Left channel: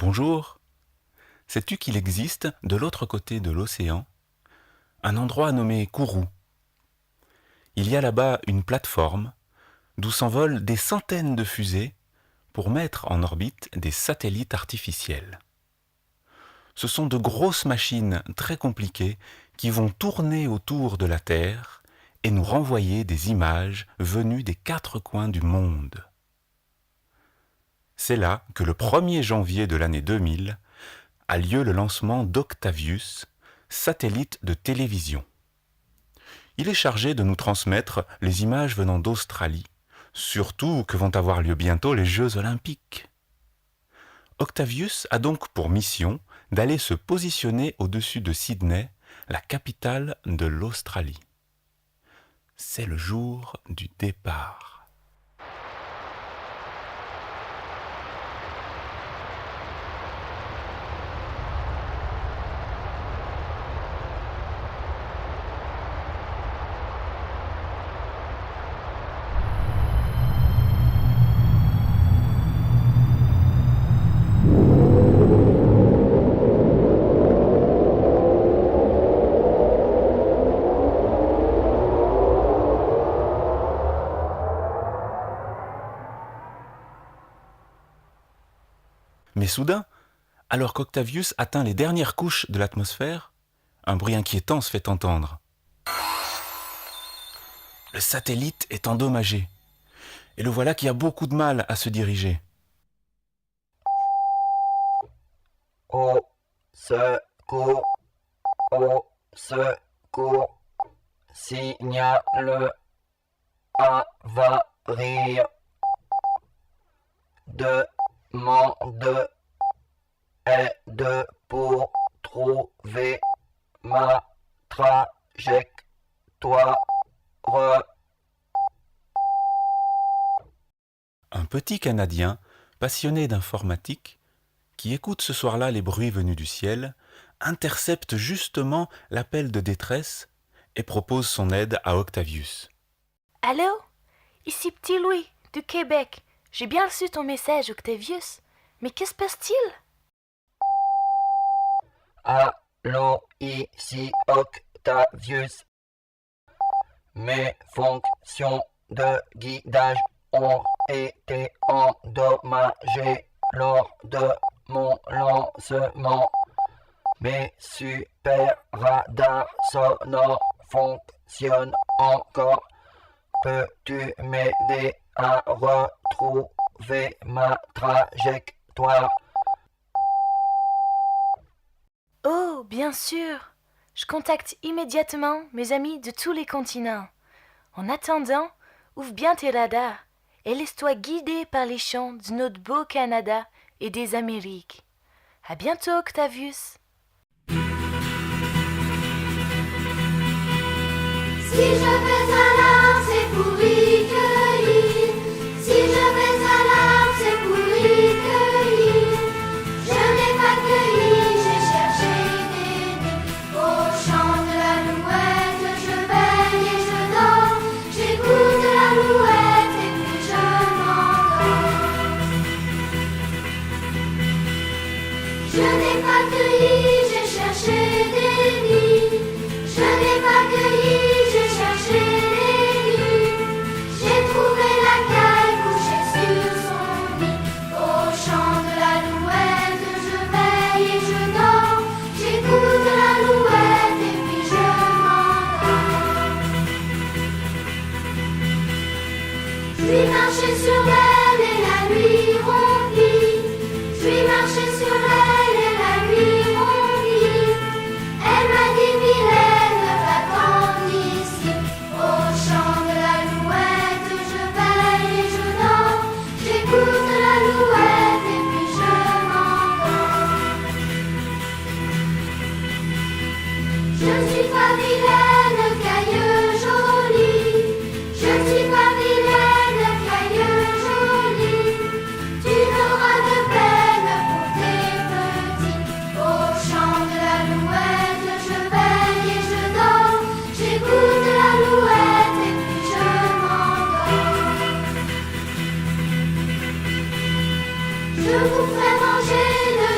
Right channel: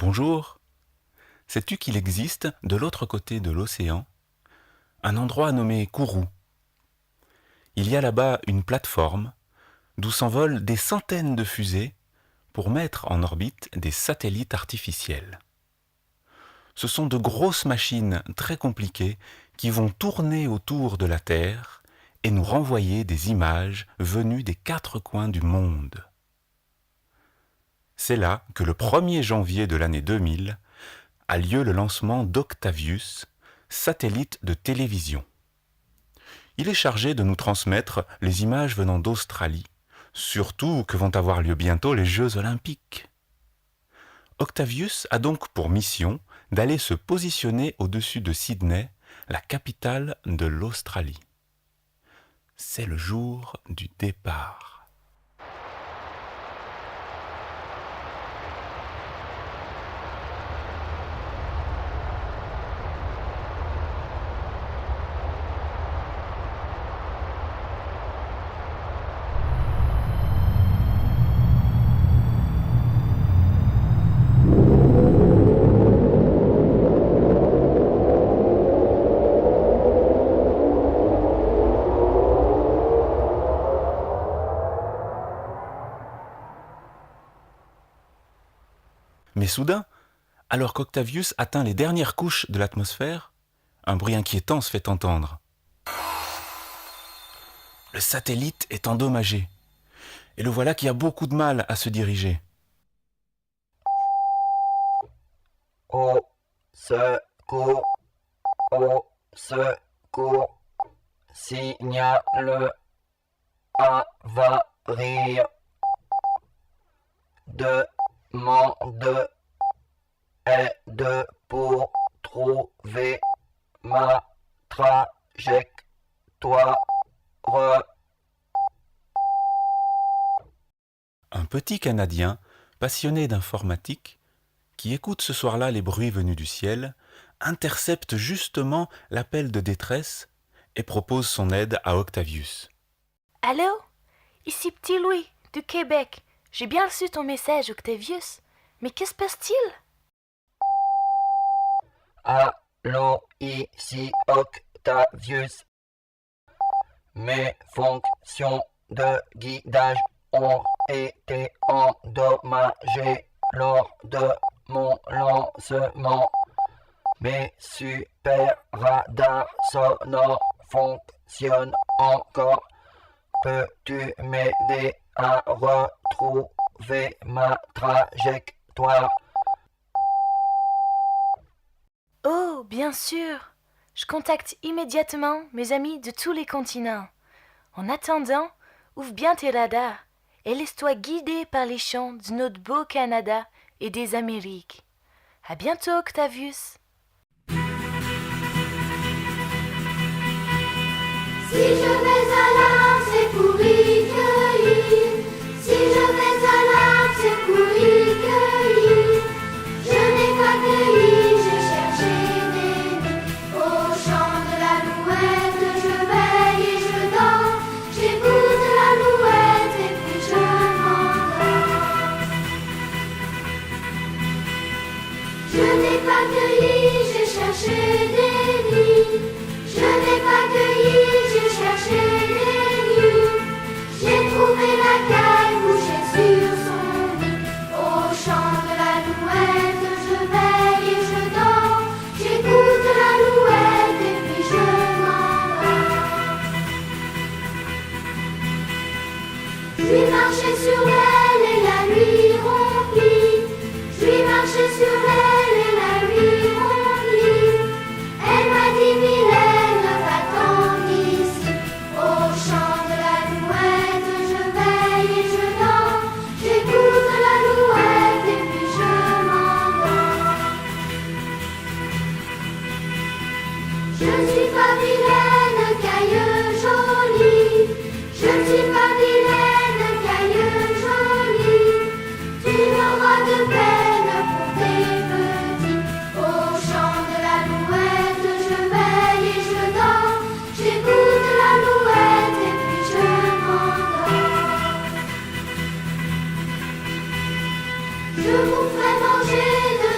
Bonjour. Sais-tu qu'il existe, de l'autre côté de l'océan, un endroit nommé Kourou? Il y a là-bas une plateforme d'où s'envolent des centaines de fusées pour mettre en orbite des satellites artificiels. Ce sont de grosses machines très compliquées qui vont tourner autour de la Terre et nous renvoyer des images venues des quatre coins du monde. C'est là que le 1er janvier de l'année 2000 a lieu le lancement d'Octavius, satellite de télévision. Il est chargé de nous transmettre les images venant d'Australie, surtout que vont avoir lieu bientôt les Jeux Olympiques. Octavius a donc pour mission d'aller se positionner au-dessus de Sydney, la capitale de l'Australie. C'est le jour du départ. Mais soudain, alors qu'Octavius atteint les dernières couches de l'atmosphère, un bruit inquiétant se fait entendre. Le satellite est endommagé, et le voilà qui a beaucoup de mal à se diriger. Au secours, au secours, signale avarie, demande aide pour trouver ma trajectoire. Un petit Canadien, passionné d'informatique, qui écoute ce soir-là les bruits venus du ciel, intercepte justement l'appel de détresse et propose son aide à Octavius. Allô? Ici Petit Louis, du Québec. J'ai bien reçu ton message, Octavius. Mais que se passe-t-il? Allô, ici Octavius. Mes fonctions de guidage ont été endommagées lors de mon lancement. Mes super radars sonores fonctionnent encore. Peux-tu m'aider à retrouver ma trajectoire? Oh, bien sûr. Je contacte immédiatement mes amis de tous les continents. En attendant, ouvre bien tes radars et laisse-toi guider par les chants de notre beau Canada et des Amériques. À bientôt, Octavius. Si je vais à l'arbre, c'est pour y cueillir. Si je vais à l'arbre, c'est pour y cueillir. Je n'ai pas cueilli, j'ai cherché des nids. Au chant de l'alouette, je veille et je dors. J'écoute l'alouette et puis je m'endors. Je n'ai pas cueilli, j'ai cherché des nids. Je n'ai pas cueilli. J'ai marché sur elle et la nuit remplie. J'ai marché sur elle et la nuit remplie. Elle m'a dit Mylène, va-t'en ici. Au chant de l'alouette, je veille et je dors. J'écoute l'alouette et puis je m'endors. Je ne suis pas vilaine, cailleux jolie. Je ne suis pas vilaine. Tu n'auras de peine pour tes petits. Au chant de l'alouette, je veille et je dors. J'écoute l'alouette et puis je m'endors. Je vous ferai manger de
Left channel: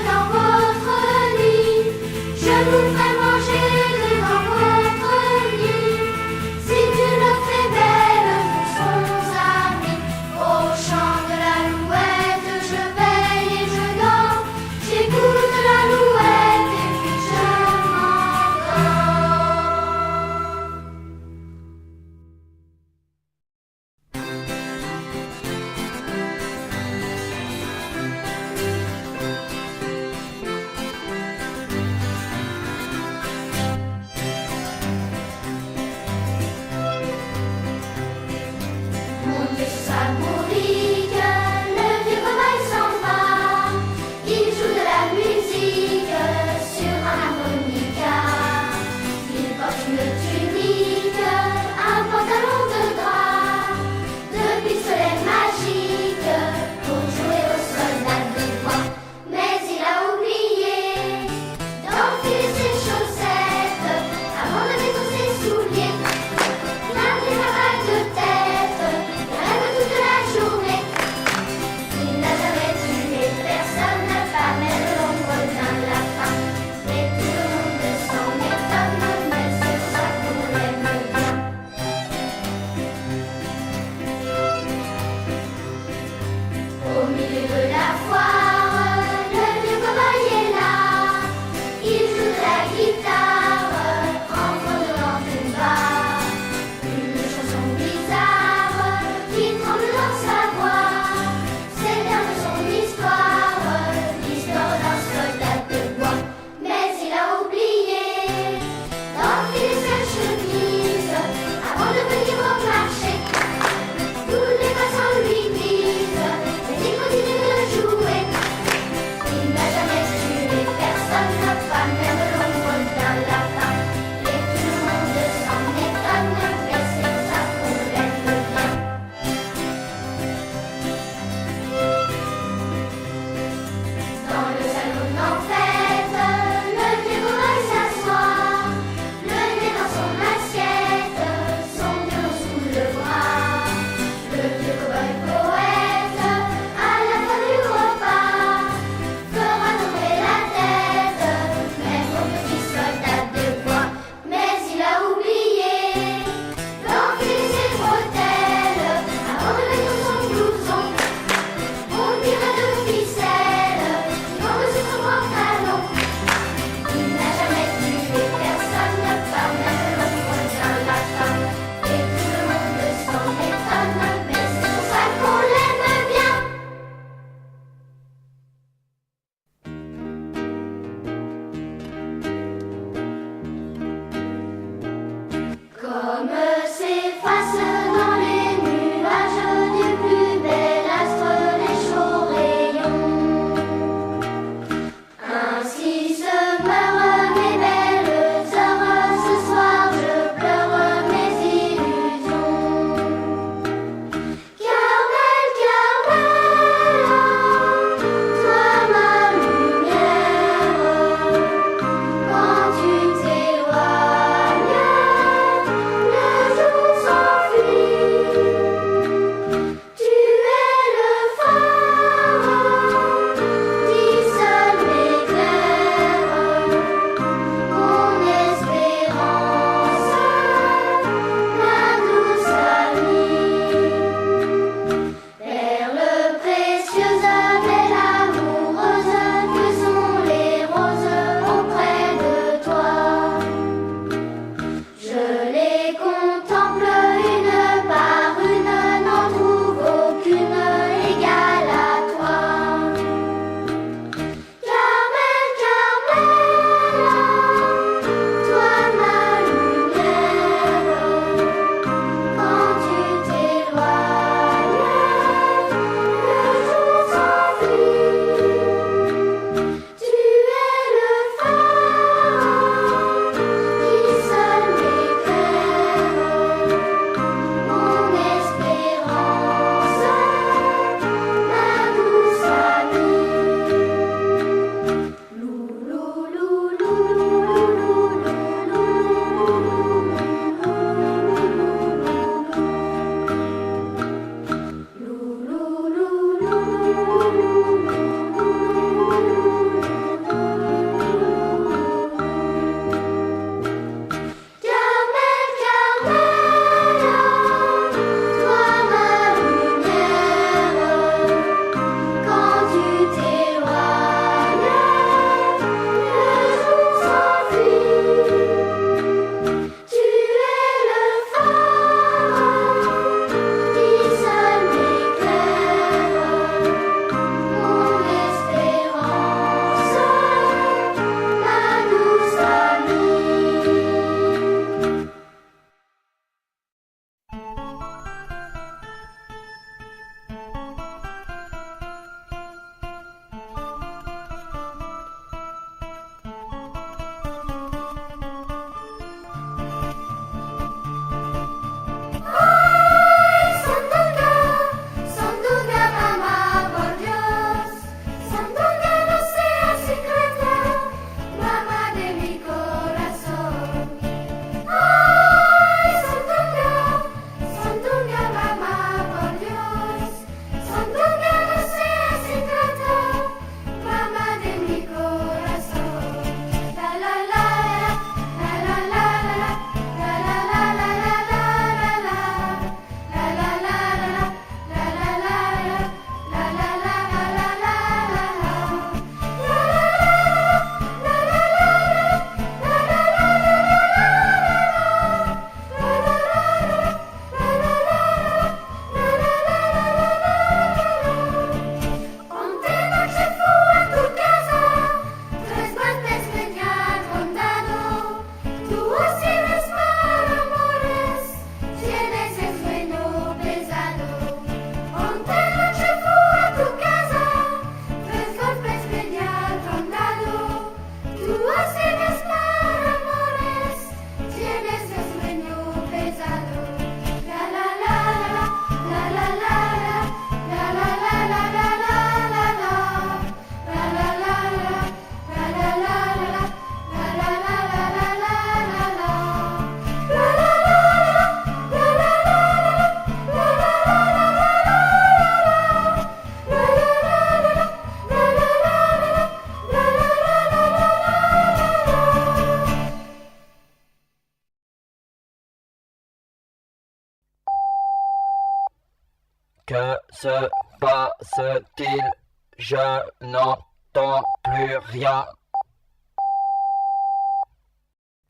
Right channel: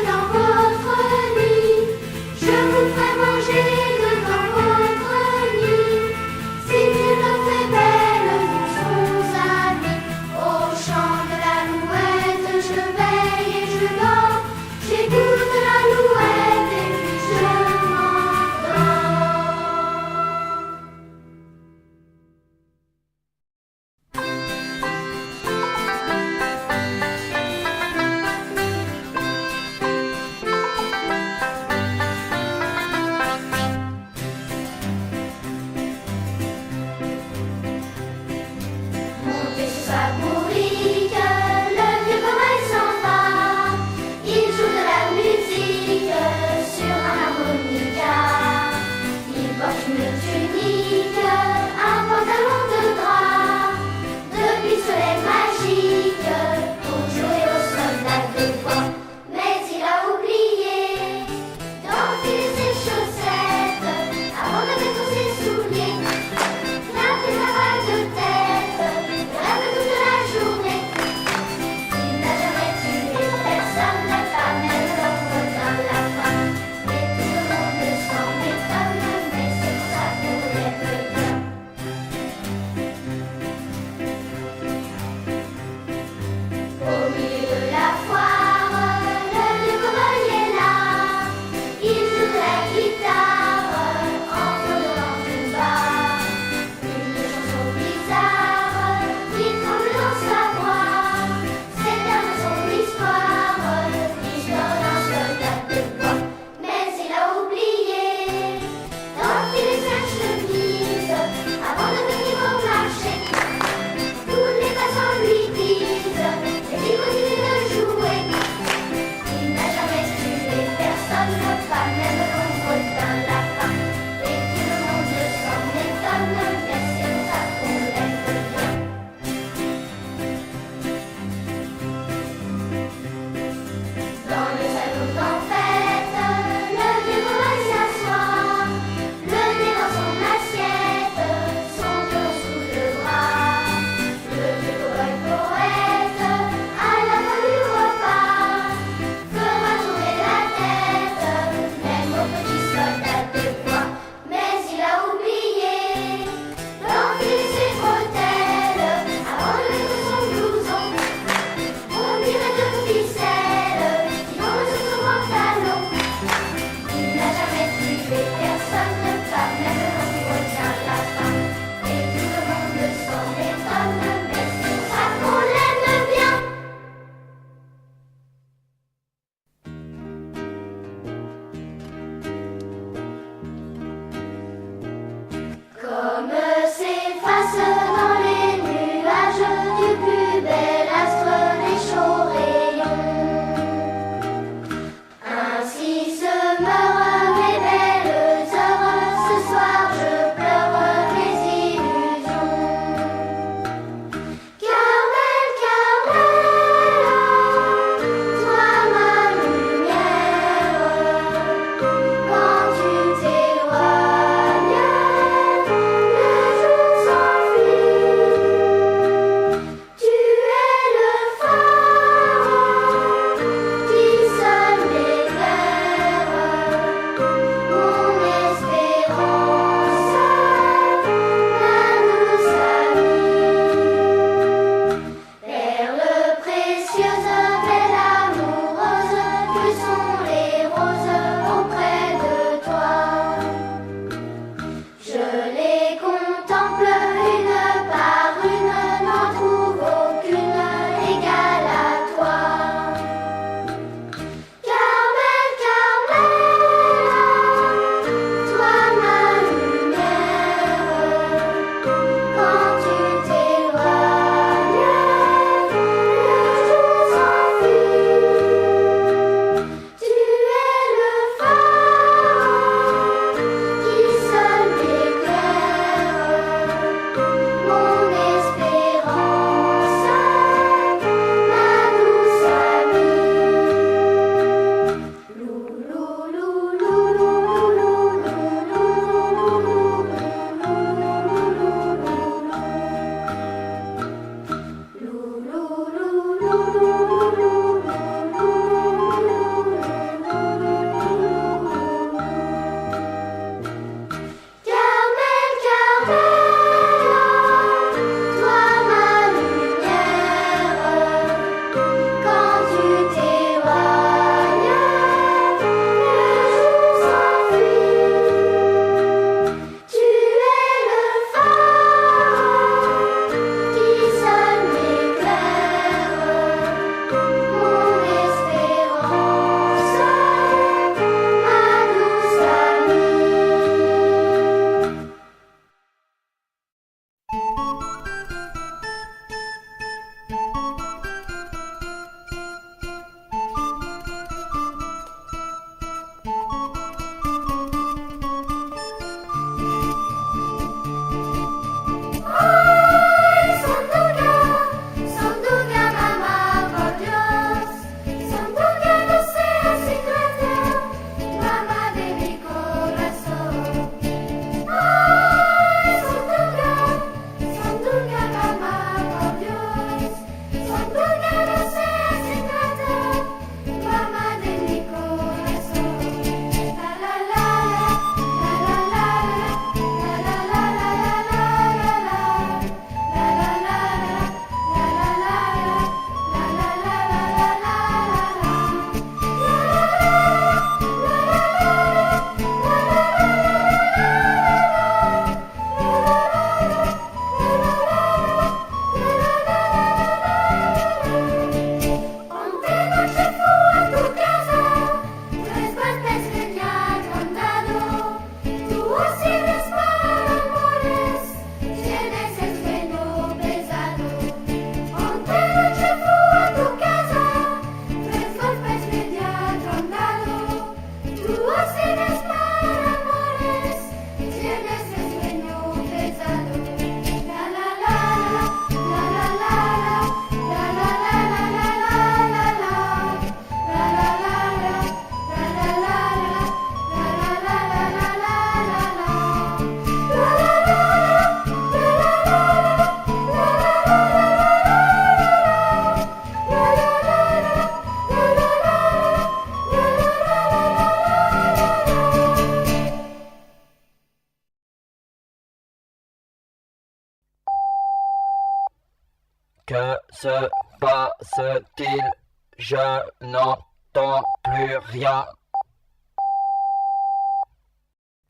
se passe-t-il? Je n'entends plus rien.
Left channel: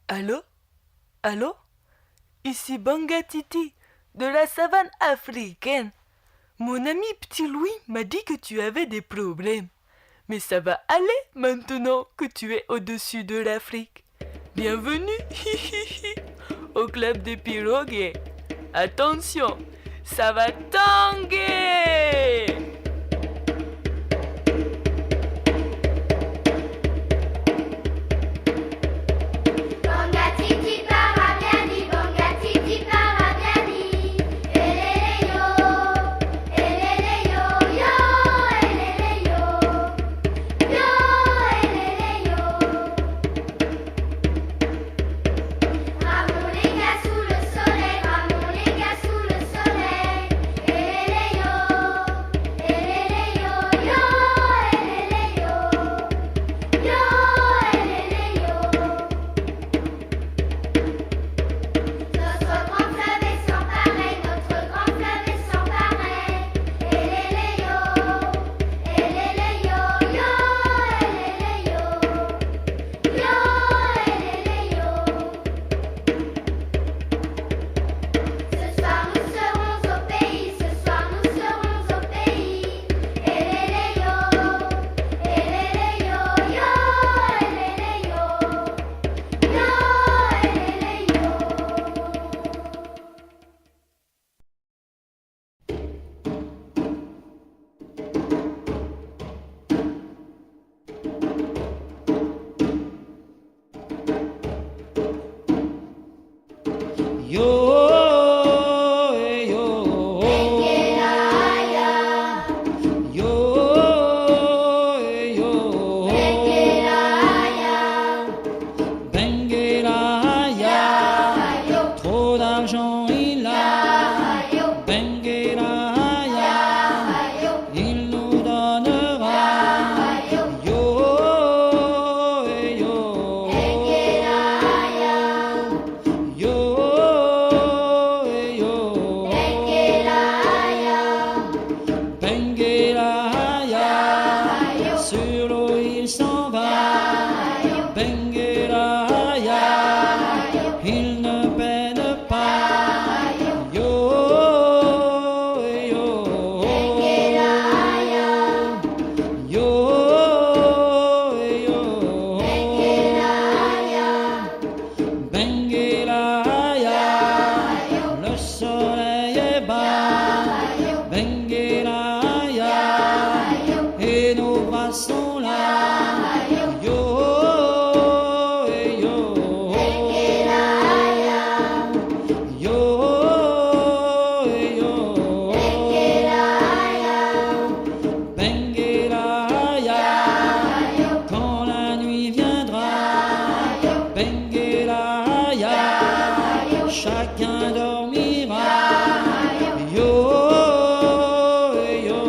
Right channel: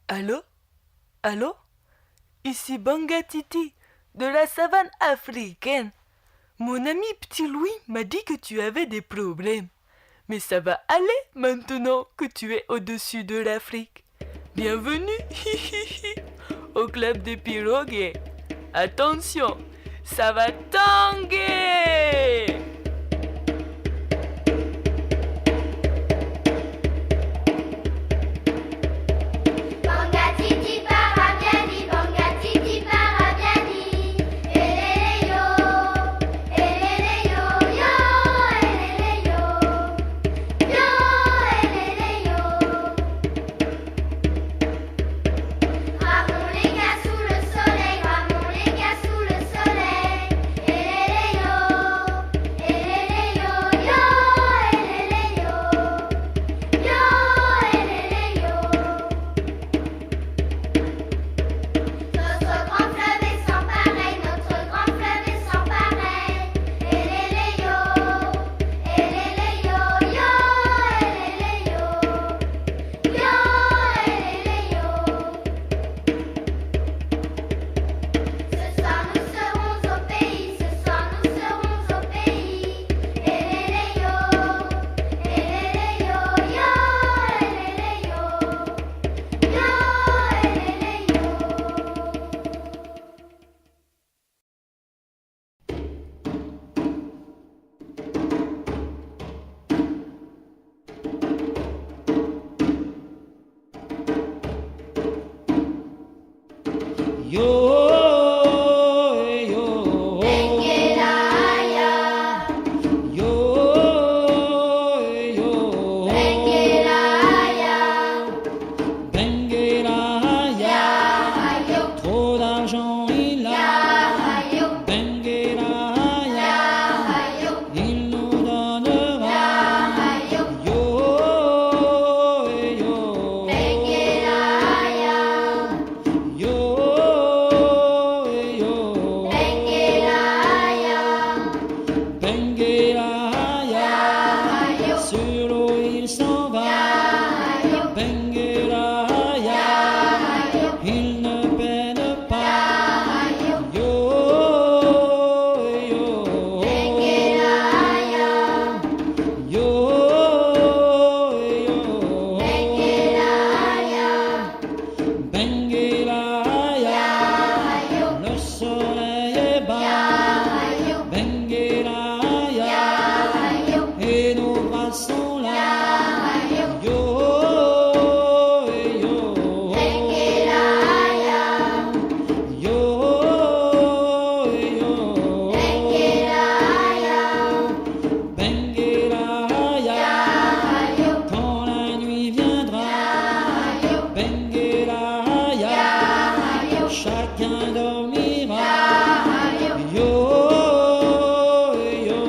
Allô? Allô? Ici Bangatiti, de la savane africaine. Mon ami Petit Louis m'a dit que tu avais des problèmes. Mais ça va aller maintenant que tu es au-dessus de l'Afrique. Bienvenue au club des pirogues. Attention, ça va tanguer! Bangatiti parabiani, bangatiti parabiani. Elele yo, yo, elele yo, yo, elele yo. Ramons les gars sous le soleil, ramons les gars sous le soleil. Elele yo, yo, elele yo, yo, elele yo. Notre grand fleuve est sans pareil, notre grand fleuve est sans pareil. Elele yo, yo, elele yo, yo, elele yo. Ce soir nous serons au pays, ce soir nous serons au pays. Elele yo, elele yo, yo, elele yo. Yo, yo, yo, yo, Benguelaya, trop d'argent il a, Benguelaya, il nous donnera. Yo, yo, yo, yo, Benguelaya, sur l'eau il s'en va. Benguelaya, il ne peine pas. Yo, yo, yo, yo, Benguelaya, le soleil est bas. Benguelaya, et nos bras sont là. Yo, yo, yo, yo, Benguelaya, quand la nuit viendra. Benguelaya, chacun dormira. Yo, yo,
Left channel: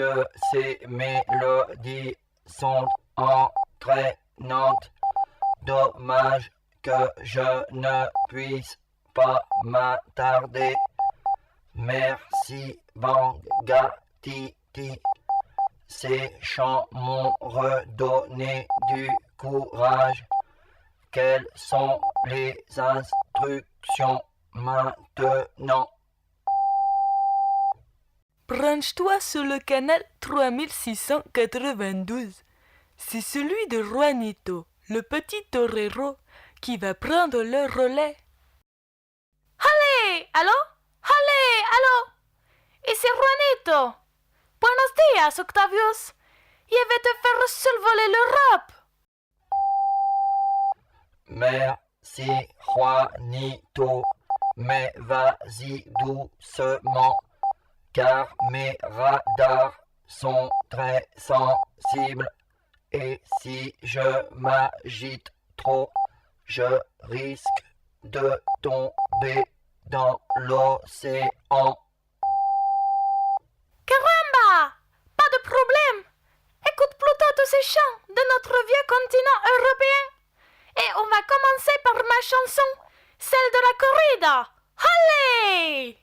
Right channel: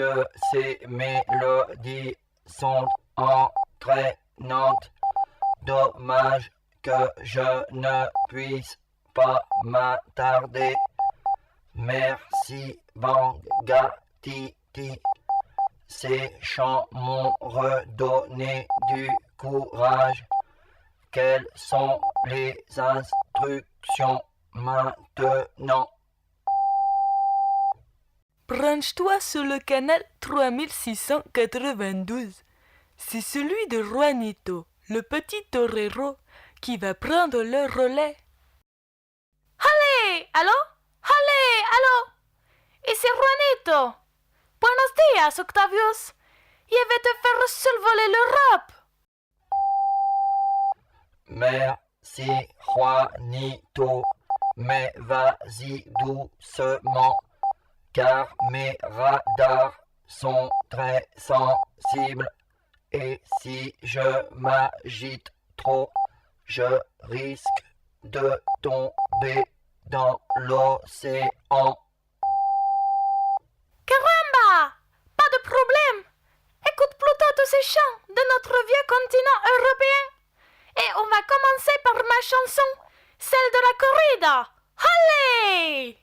que ces mélodies sont entraînantes. Dommage que je ne puisse pas m'attarder. Merci Bangatiti. Ces chants m'ont redonné du courage. Quelles sont les instructions maintenant? Branche-toi sur le canal 3692. C'est celui de Juanito, le petit torero, qui va prendre le relais. Allez, allô? Allez, allô? Ici Juanito. Buenos días, Octavius. Je vais te faire survoler l'Europe. Merci Juanito, mais vas-y doucement, car mes radars sont très sensibles, et si je m'agite trop, je risque de tomber dans l'océan. Caramba! Pas de problème. Écoute plutôt tous ces chants de notre vieux continent européen. Et on va commencer par ma chanson, celle de la corrida. Allez!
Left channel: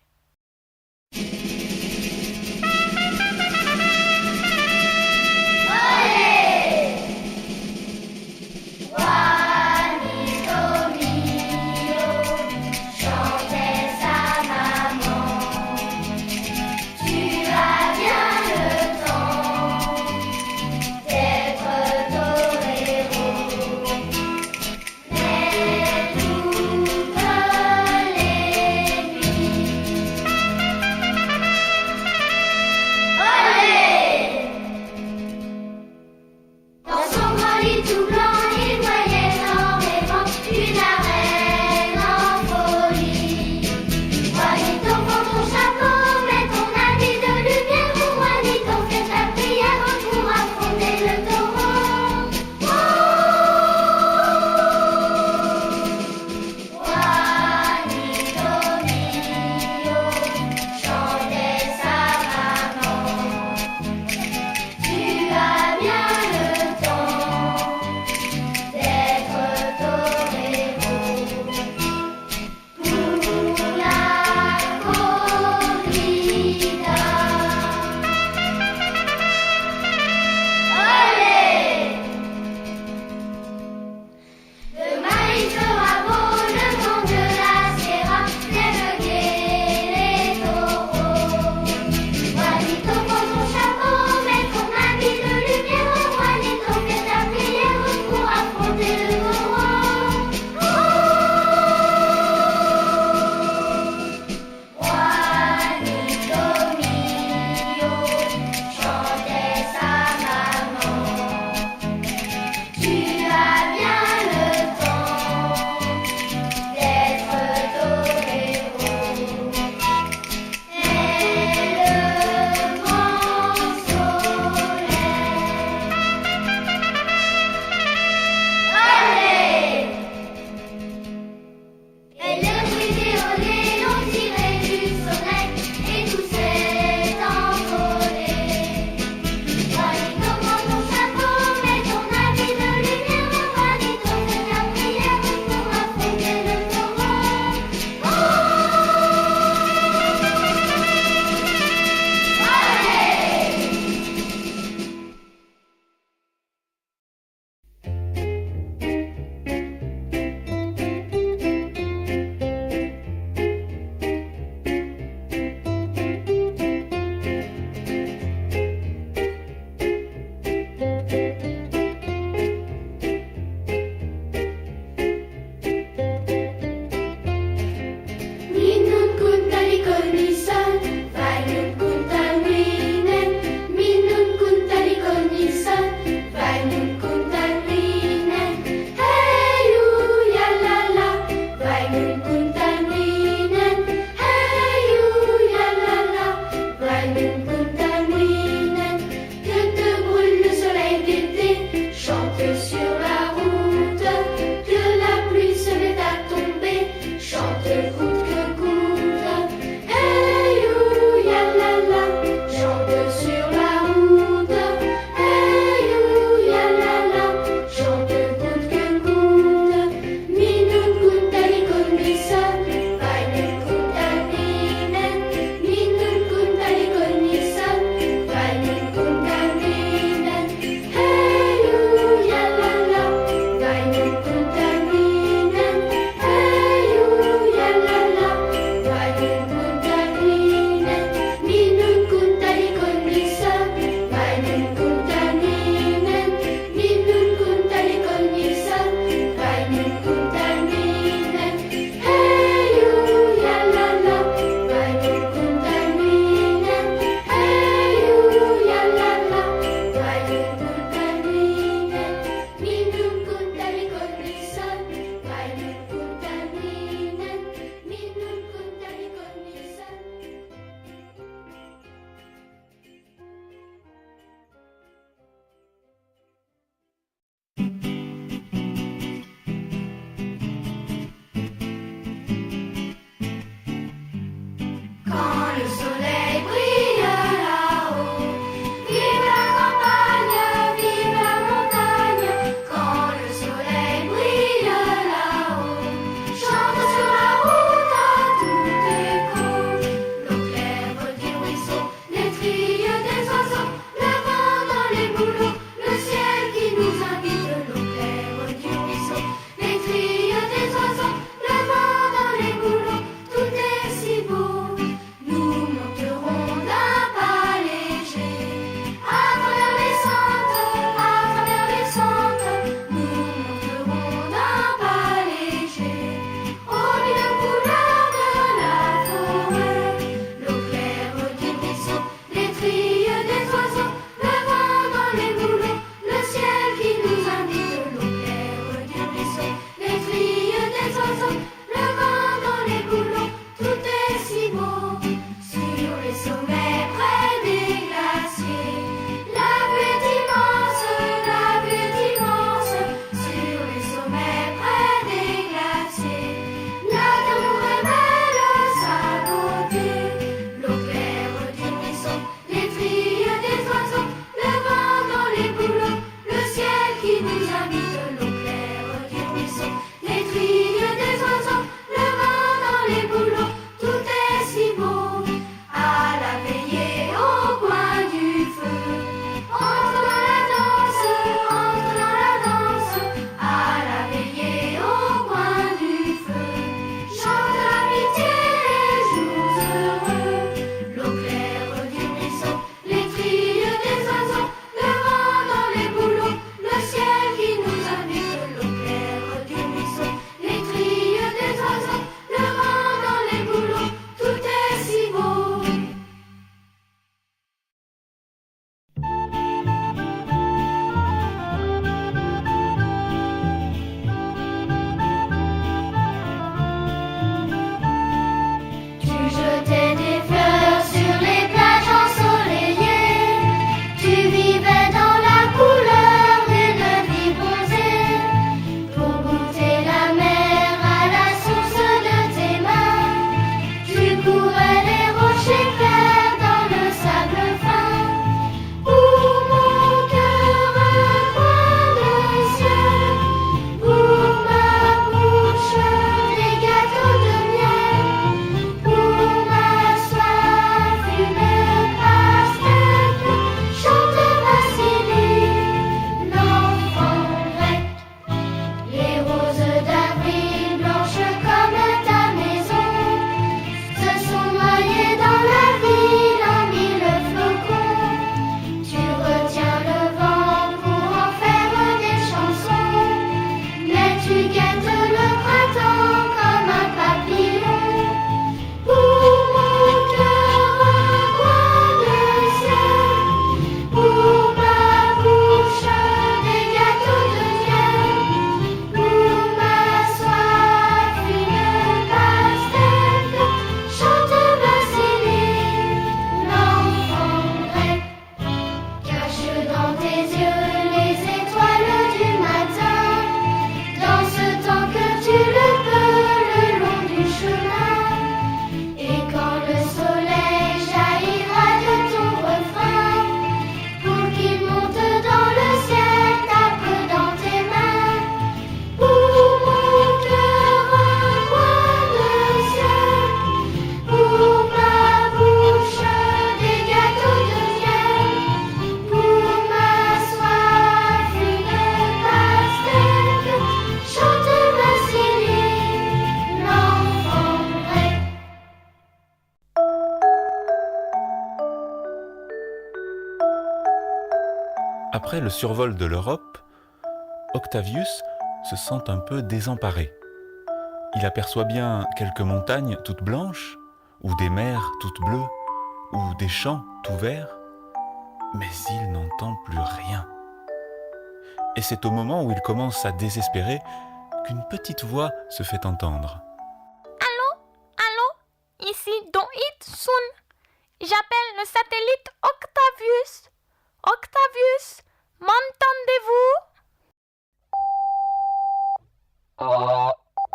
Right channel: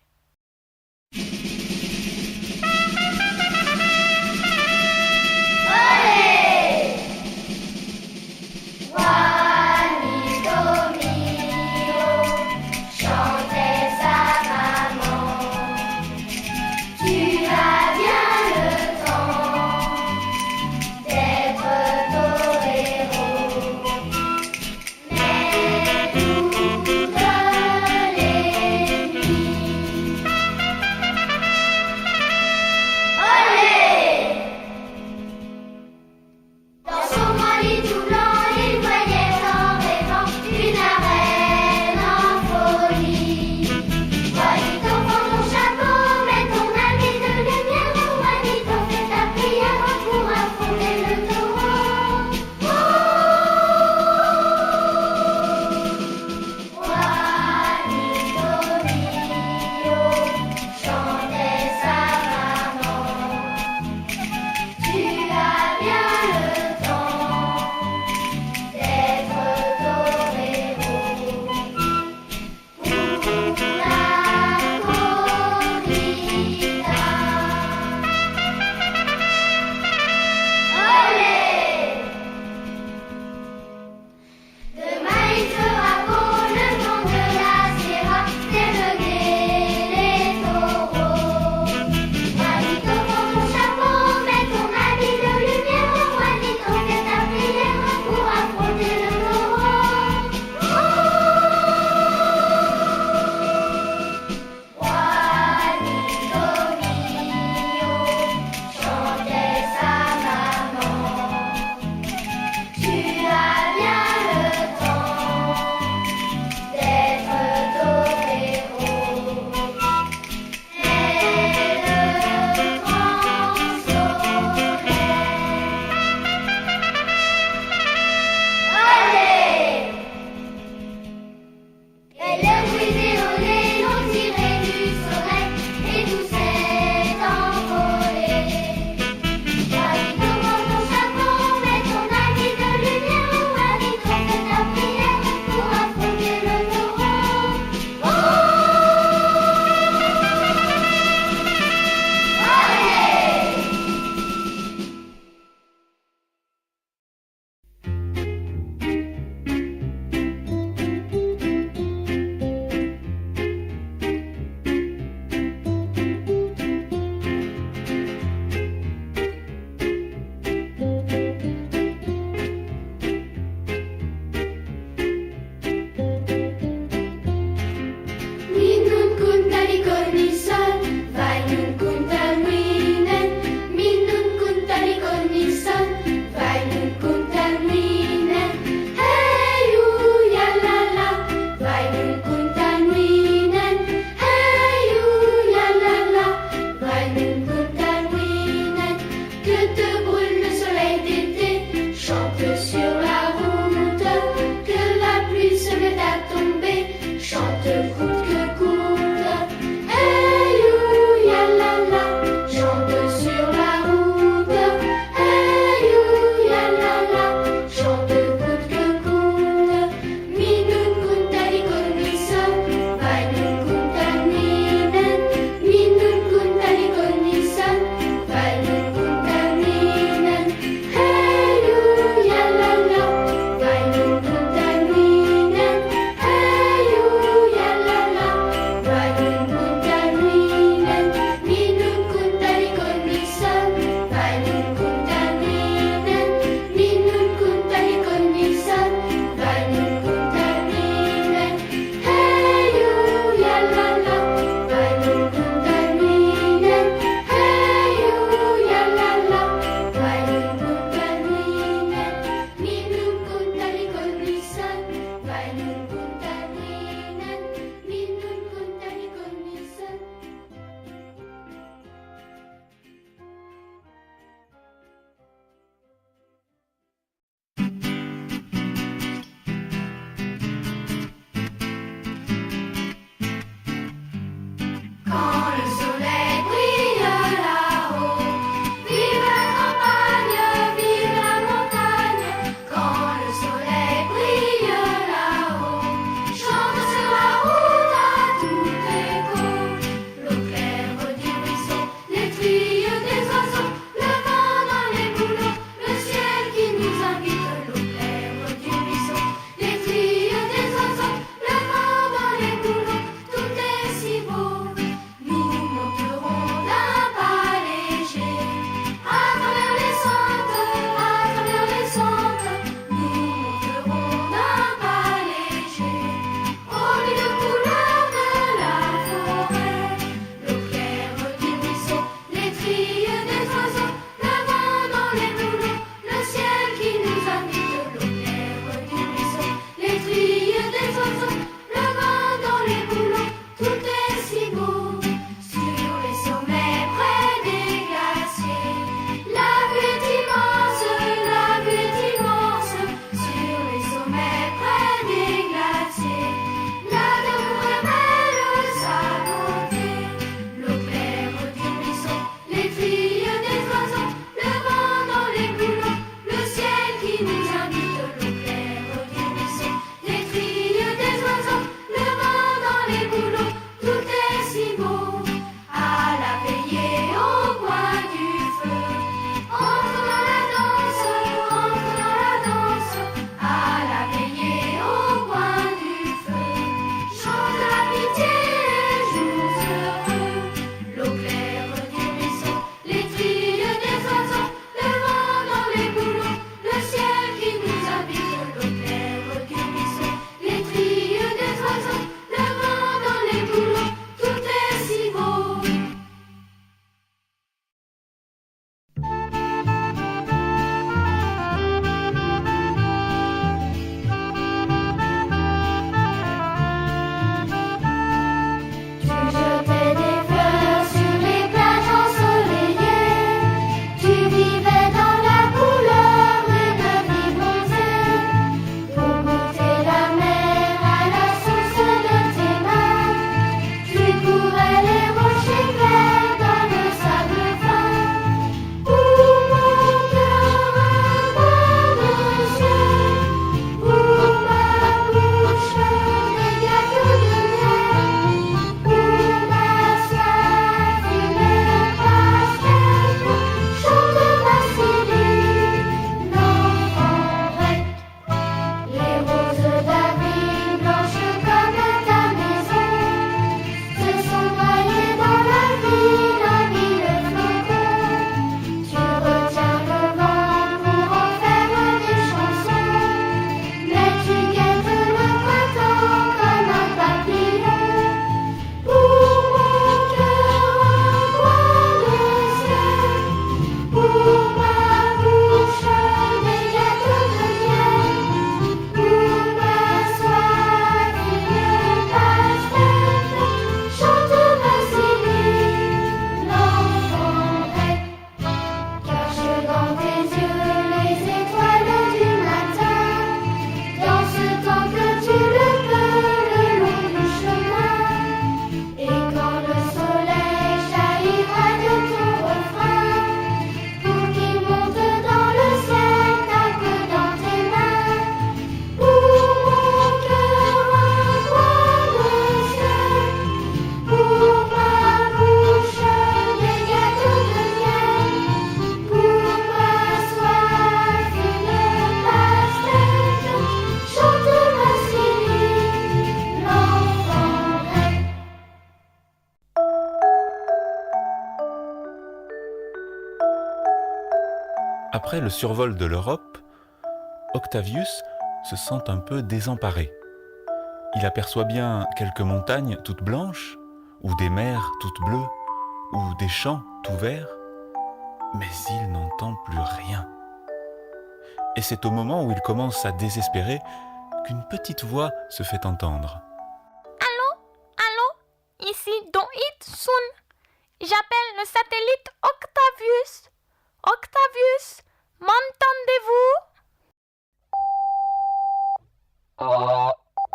Après le survol de l'Europe, Octavius se sent un peu désemparé. Il aperçoit bien quelques montagnes toutes blanches, ou des mers toutes bleues, ou des champs tout verts, mais il n'entend plus rien. Et c'est au moment où il commence à désespérer qu'une petite voix se fait entendre. Allô, ici Don It-sun. J'appelle le satellite Octavius. Octavius, m'entendez-vous?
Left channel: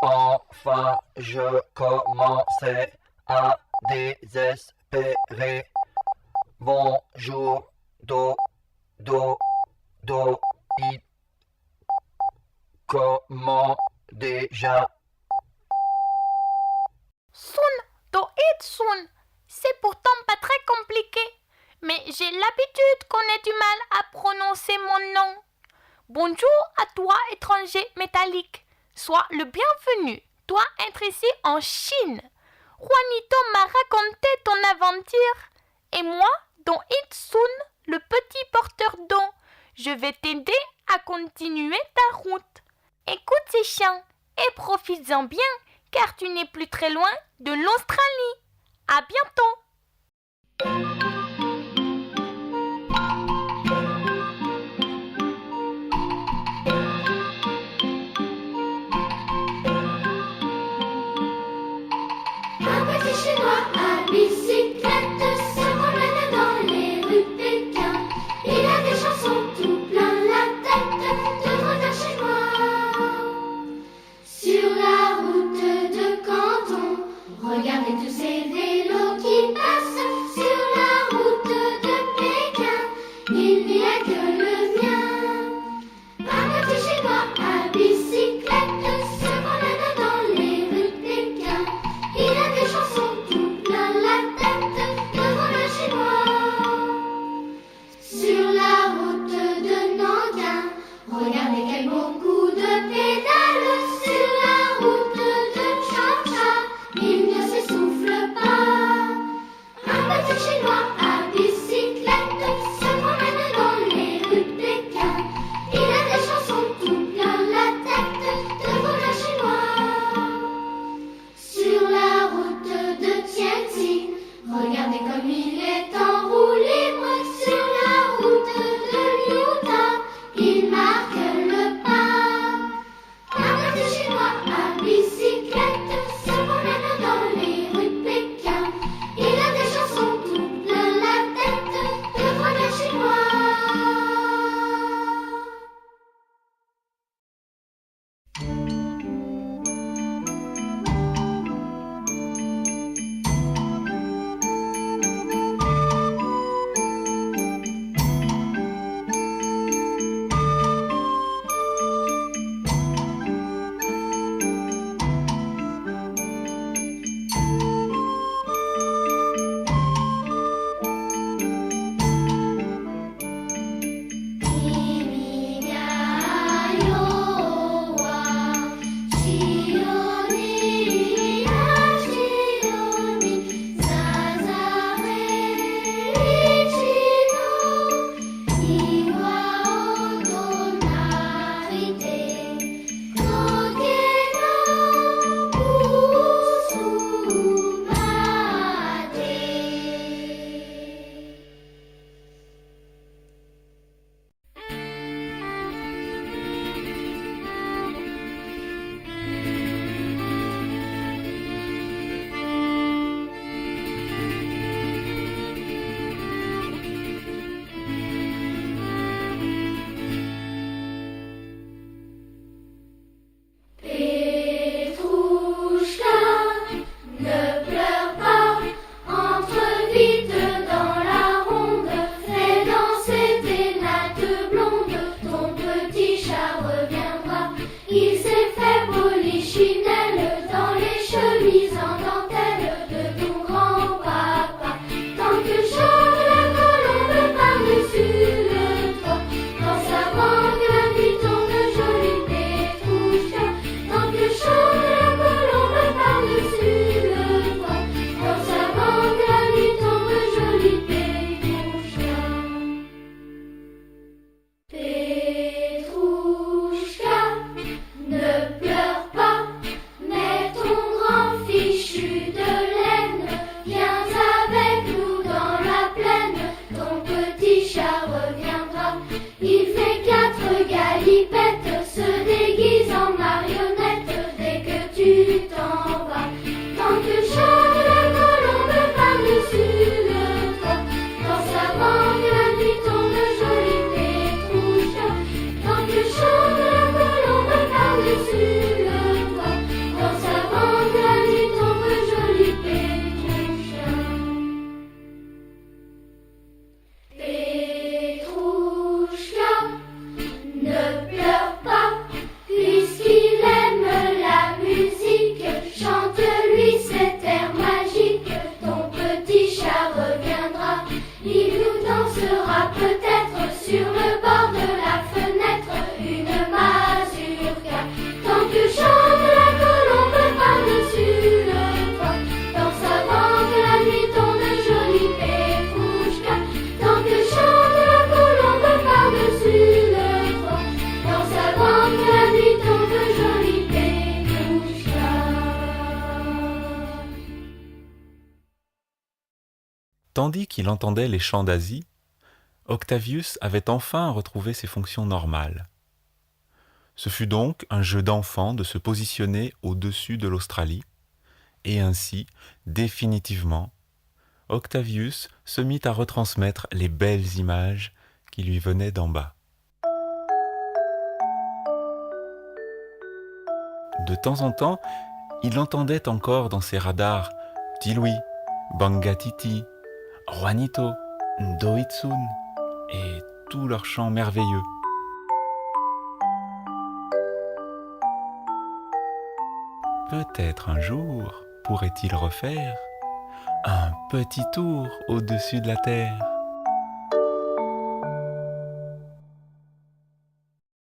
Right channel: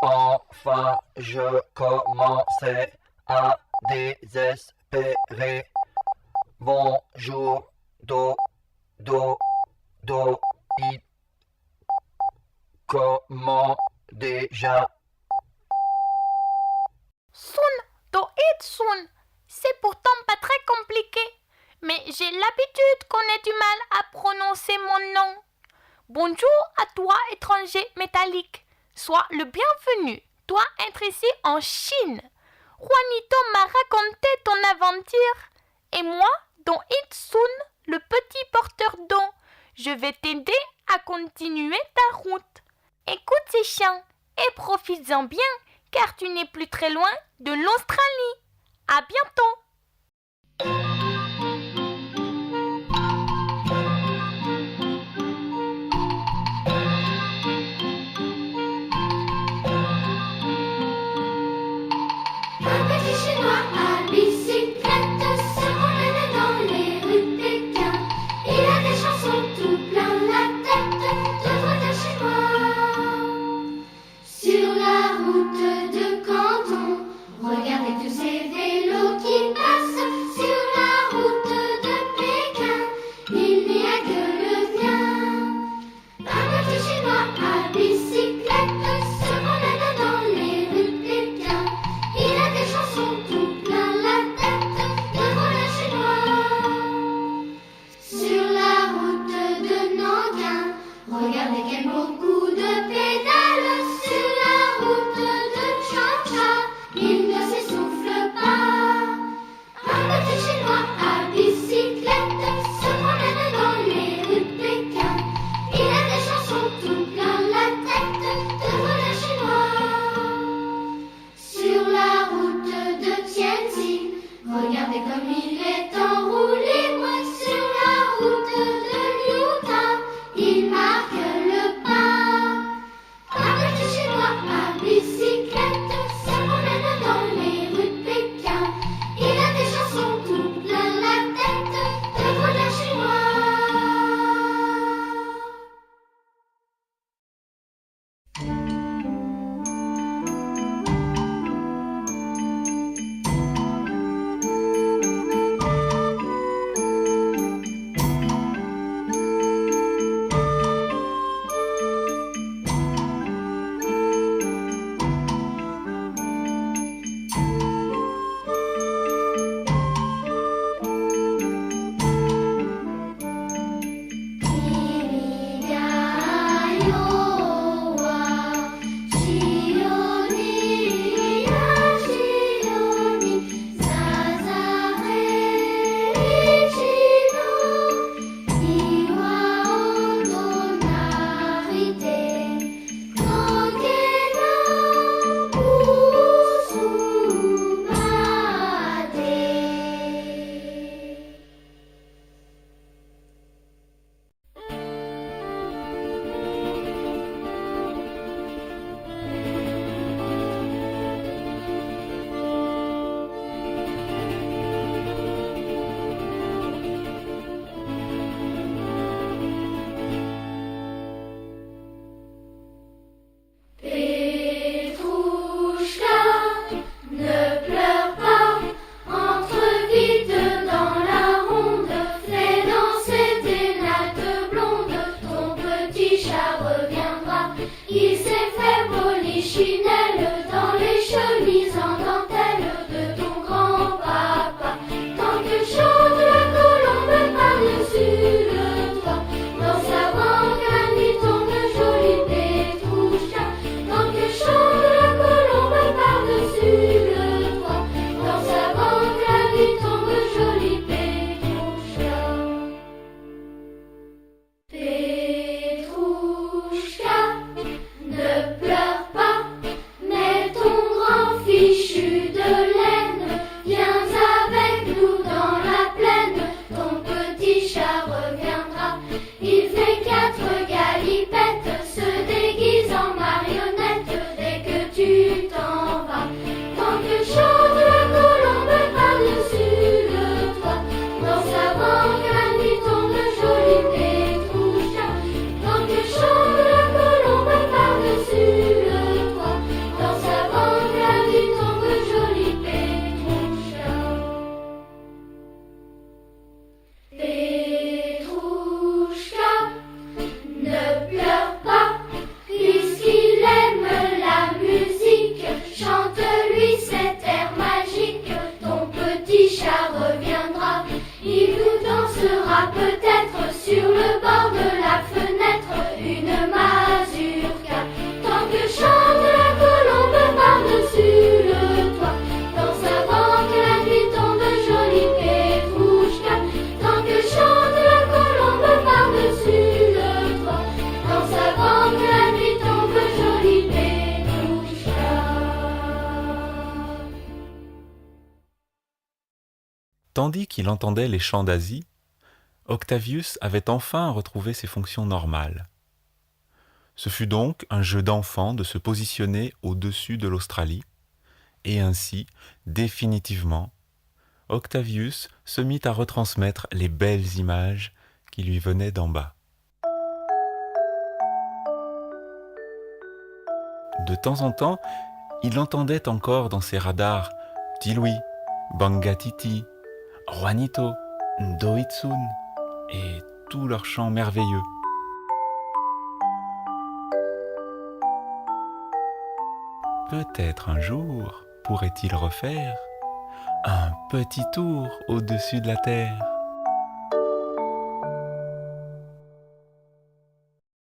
Enfin, je commençais à désespérer. Bonjour, it. Comment déjà? Do it soon. C'est pourtant pas très compliqué, mais j'ai l'habitude qu'on ait du mal à prononcer mon nom. Bonjour à toi, étranger métallique. Sois le bienvenu, toi être ici en Chine. Juanito m'a raconté ton aventure, et moi, Don It-sun, le petit porteur d'eau, je vais t'aider à continuer ta route. Écoute ces chants et profites-en bien, car tu n'es plus très loin de l'Australie. À bientôt! Un petit chinois à bicyclette se promène dans les rues de Pékin. Il a des chansons tout plein la tête de retour chez moi. Sur la route de Canton, regardez tous ces vélos qui passent. Sur la route de Pékin, il n'y a que le mien. Un petit chinois à bicyclette se promène dans les rues de Pékin. Il a des chansons tout plein la tête de voilà chez moi. Sur la route de Nankin, regardez quel bon coup de pédale. Sur la route de Changsha, il ne s'essouffle pas. Un petit chinois à bicyclette se promène dans les rues de Pékin. Il a des chansons tout plein la tête de voilà chez moi. Sur la route de Tianjin, regardez comme il est en roue libre. Sur la route de Utah, il marque le pas. Un petit chinois à bicyclette se promène dans les rues de Pékin. Il a des chansons tout plein la tête de voilà chez moi. Tandis qu'il entendait les chants d'Asie, Octavius avait enfin retrouvé ses fonctions normales. Ce fut donc un jeu d'enfant de se positionner au-dessus de l'Australie, et ainsi, définitivement, Octavius se mit à retransmettre les belles images qui lui venaient d'en bas. De temps en temps, il entendait encore dans ses radars Petit Louis, Bangatiti, Juanito, Ndoitsun et tous leurs chants merveilleux. Peut-être un jour pourrait-il refaire un petit tour au-dessus de la terre.